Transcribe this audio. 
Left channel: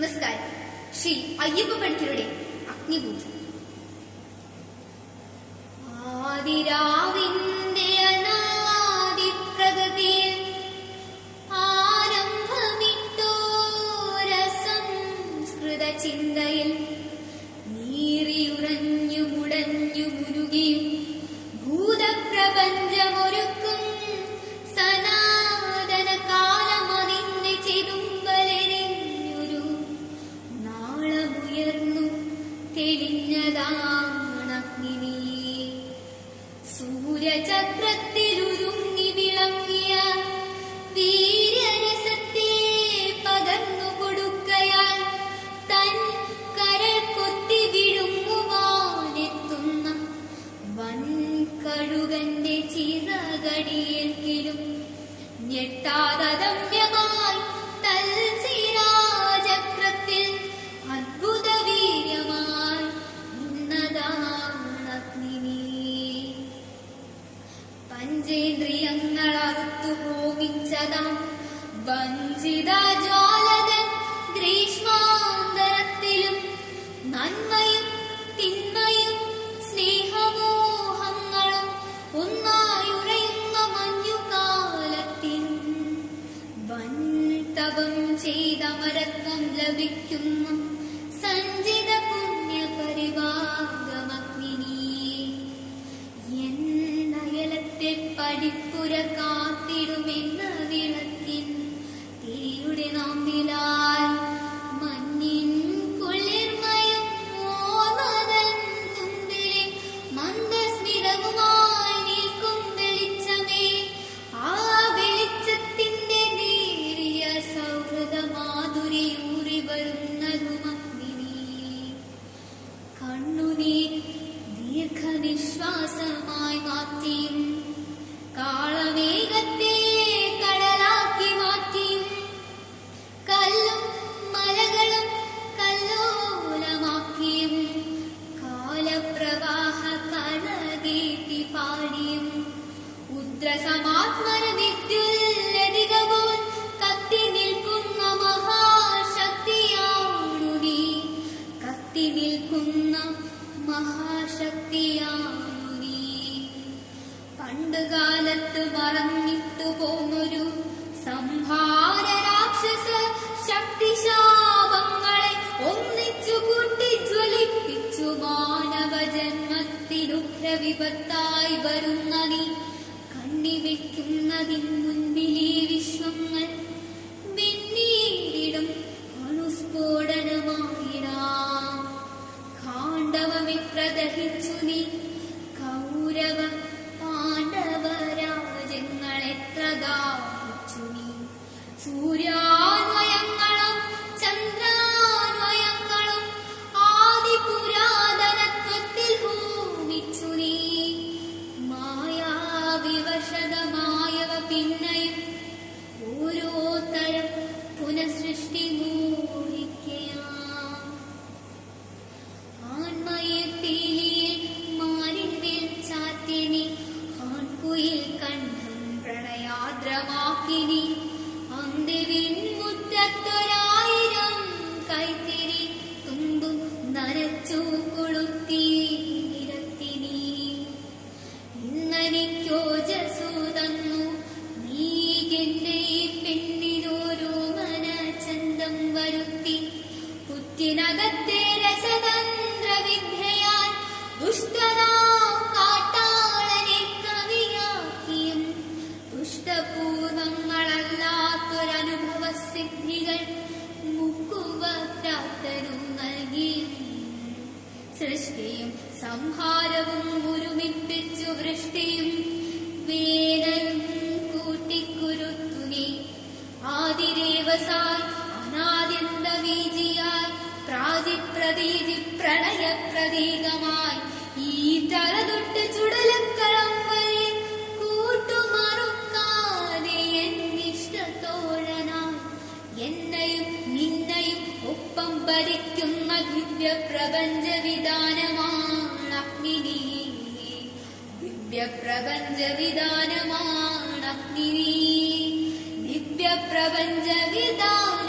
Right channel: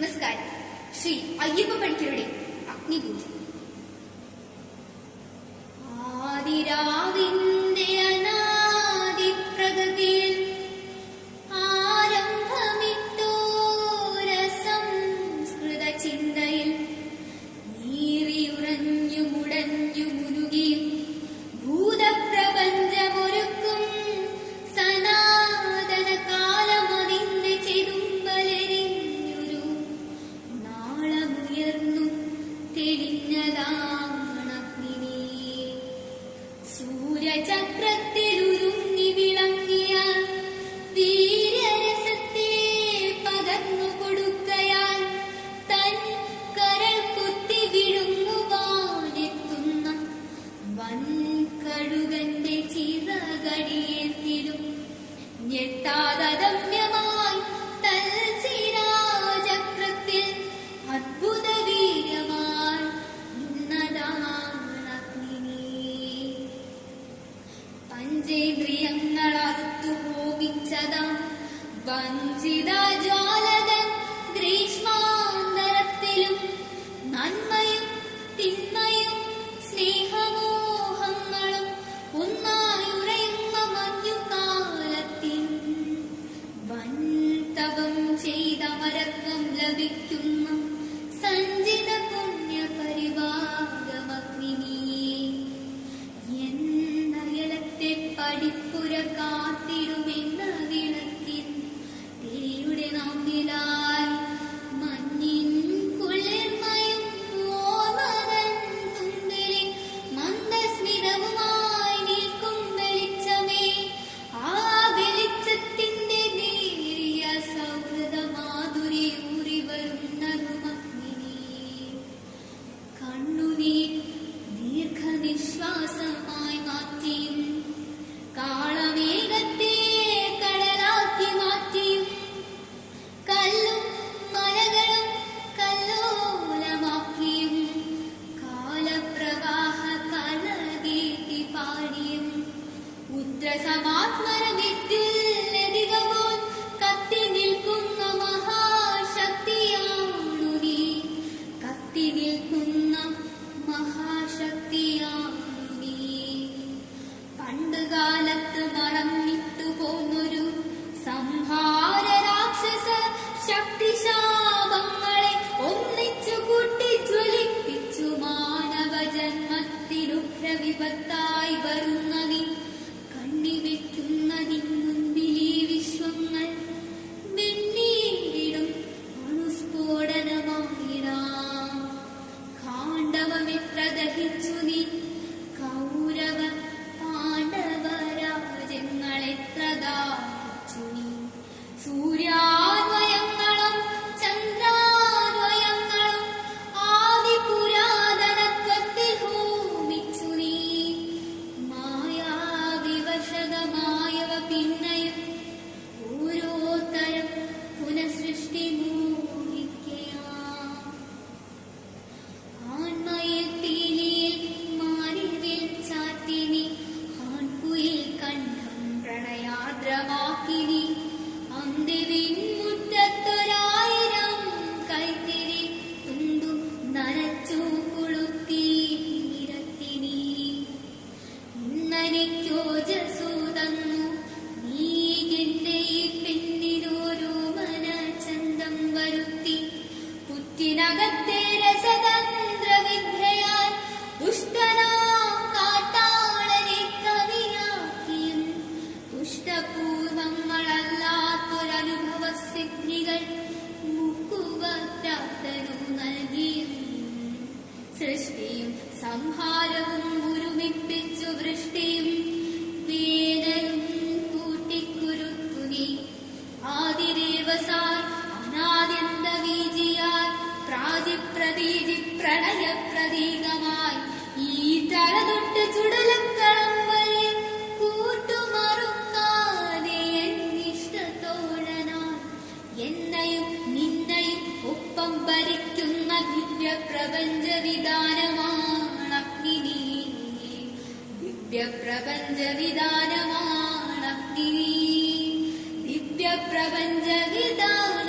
നമസ്കാരം. ശ്രീ അയ്യപ്പ പണിക്കരുടെ അഗ്നിപൂജ. ആദിരാവിന്റെ അനാദിപ്രകൃതിയിൽ ആരംഭമിട്ടു രസംസ്കൃത ചിന്തയിൽ നീറിയുറഞ്ഞു മുടഞ്ഞു മുരുകിയും ഭൂതപ്രപഞ്ചമൊരുക്കും സനാതന കാലമതിന്ന് ചെതുമ്പലെരിഞ്ഞൊരു നാളമുയർന്നു തെളിഞ്ഞതാണഗ്നി. സൂര്യചക്രത്തിലുരുങ്ങി വിളങ്ങിയ വീര്യരസത്തെ പകർന്നു കൊടുക്കയാൽ തൻ കരൾ കൊത്തി വിഴുങ്ങുവാനെത്തുന്ന വൻകഴുകന്റെ ചിറകടിയെങ്കിലും ഞെട്ടാതമ്യമായി തൽശിരാചക്രത്തിൽ അദ്ഭുത വീര്യമായി ഉന്നതാണഗ്നി. പഞ്ചേന്ദ്രിയങ്ങളറുത്തു ഭോഗിച്ചതാം വഞ്ചിത ജ്വാലകൻ ഗ്രീഷ്മാന്തരത്തിലും നന്മയും തിന്മയും സ്നേഹമോഹങ്ങളും ഒന്നായുറയുന്ന മഞ്ഞുകാലത്തിലും വൻതപം ചെയ്തമരത്വം ലഭിക്കുന്ന സഞ്ചിത പുണ്യപരിവാരമഗ്നി. എന്നയലത്തെ പടിപ്പുര കാത്തിടുമെന്ന വിളക്കിൻ തിരിയുടെ നാമ്പിലായി മഞ്ഞിൻ കുളിർമയും ഓർമ്മതൻ തുമ്പിലെ മന്ദസ്മിതവുമായി നിൽക്കും വെളിച്ചമേ. ആ വെളിച്ചത്തിന്റെ നേരിയ സൗഹൃദ മാധുരി ഊറി വരുന്നതുമഗ്നി. കണ്ണുനീർ ദീർഘനിശ്വാസമായി മാറ്റിയും കാളമേഘത്തെ കടലാക്കി മാറ്റിയും കല്ലും മലകളും കല്ലോലമാക്കിയും കാലപ്രവാഹ കളകീട്ടി പാടിയും ഉദ്രസമാത്മരതിഥികപോൽ കത്തി നിൽക്കുന്ന മഹാശക്തിയാണു നീ. കത്തി നിൽക്കുന്ന മഹാശക്തിയാണു നീ. പണ്ടുകാലത്ത് മറന്നിട്ടു പോന്നൊരു സംഹാര രാക്ഷസ ശക്തിശാപങ്ങളെ ഒന്നിച്ചു കൂട്ടി ജ്വലിപ്പിച്ചു മാനവജന്മത്തിനുഗ്രവിപത്തായി വരുന്ന നീ. കണ്ണിവെക്കുന്നതിന് മുൻപിൽ ഈ വിശ്വങ്ങൾ വെണ്ണീരിടും അണുസ്ഫോടനമായിടാം. ഖാണ്ഡവമെത്ര ദഹിച്ചു നീ. കൗരവ പാണ്ഡവ രാജ്യങ്ങളെത്ര ദാഹിച്ചു നീ. സൂര്യാന്വയങ്ങളും ചന്ദ്രാന്വയങ്ങളും ആദിപുരാതനത്വത്തിൽ ഹോമിച്ചു നീ. മായാവിവശതമായവ പിന്നെയും ഓരോ തരം പുനഃസൃഷ്ടി മോഹിക്കാം. ആൺമയിൽ പീലിയിൽ മാറിവിൽ ചാത്തി നീ. ആൺകുയിൽ കണ്ഠം പ്രണയാദ്രമാക്കി നീ. അന്തിവിൻ മുറ്റത്തൊരായിരം കൈത്തിരി തുമ്പും നനച്ചു കൊളുത്തി നിരത്തി നീ. ഇന്നെനിക്കോജസ്സു തന്നു നീ എന്റെ ഈ പെണ്ണിനോരോ മനചന്തം വരുത്തി. പുറ്റിനകത്തെ രസതന്ത്രവിദ്യയാൽ ദുഷ്ടനാം കാട്ടാളനെ കവിയാക്കിയും ദുഷ്ടപൂർവങ്ങളല്ലാത്തൊരനുഭവസിദ്ധികൾ മുക്കുവറ്റാത്തനു നൽകിയും സൃഷ്ടിയും സംഹാരവും ഒരുമിപ്പിച്ചു വൃഷ്ടിയും വേനലും കൂട്ടിക്കുരുത്തു നീ. ആദിരേവസായി അനാദ്യന്തബീജിയായി പ്രാജിപ്രതീജി പ്രണയപ്രതീകമായി ഈ തല തൊട്ട് ചുടലക്കളം വരെ കൂട്ടുമറുക്കാതെ എന്നിഷ്ടത്തോഴനായി എന്നെയും നിന്നെയും ഒപ്പം ഭരിക്കുന്ന ദിവ്യപ്രപഞ്ചവിധാനമാണഗ്നി. ദിവ്യപ്രപഞ്ചവിധാനമാണഗ്നി. ദിവ്യപ്രപഞ്ചവിധാനം